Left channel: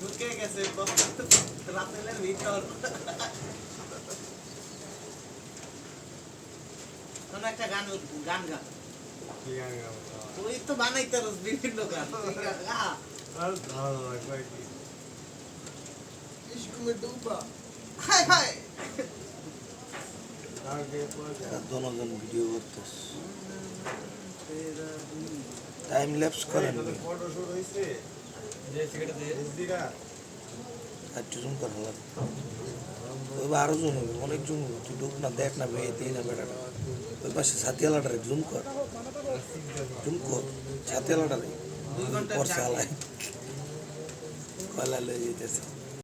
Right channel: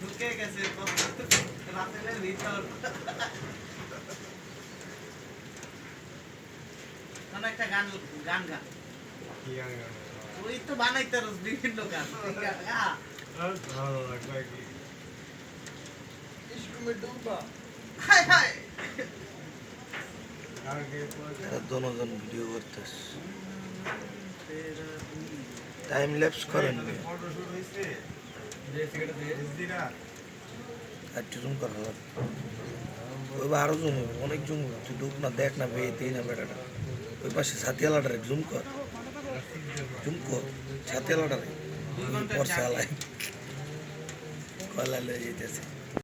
ঢুকে গেছে রাতের ভিতর মানে একটা গান গান গান ওই তো বানাইতে বিভিন্ন গান জনগণ ভিডিও করতেছে টাইম ল্যাপস করেন জুম করা লাগবে ওই আরো জুম হবে অনেক জুম হবে তুই ঢুক না দেখ না বেয়ে না বেটাটা ওই পাশে ছাতিয়ালাটারে জুম কর ছাতিয়ালাটারে পরশে আলাই কয়লা লয়ে যেতেছে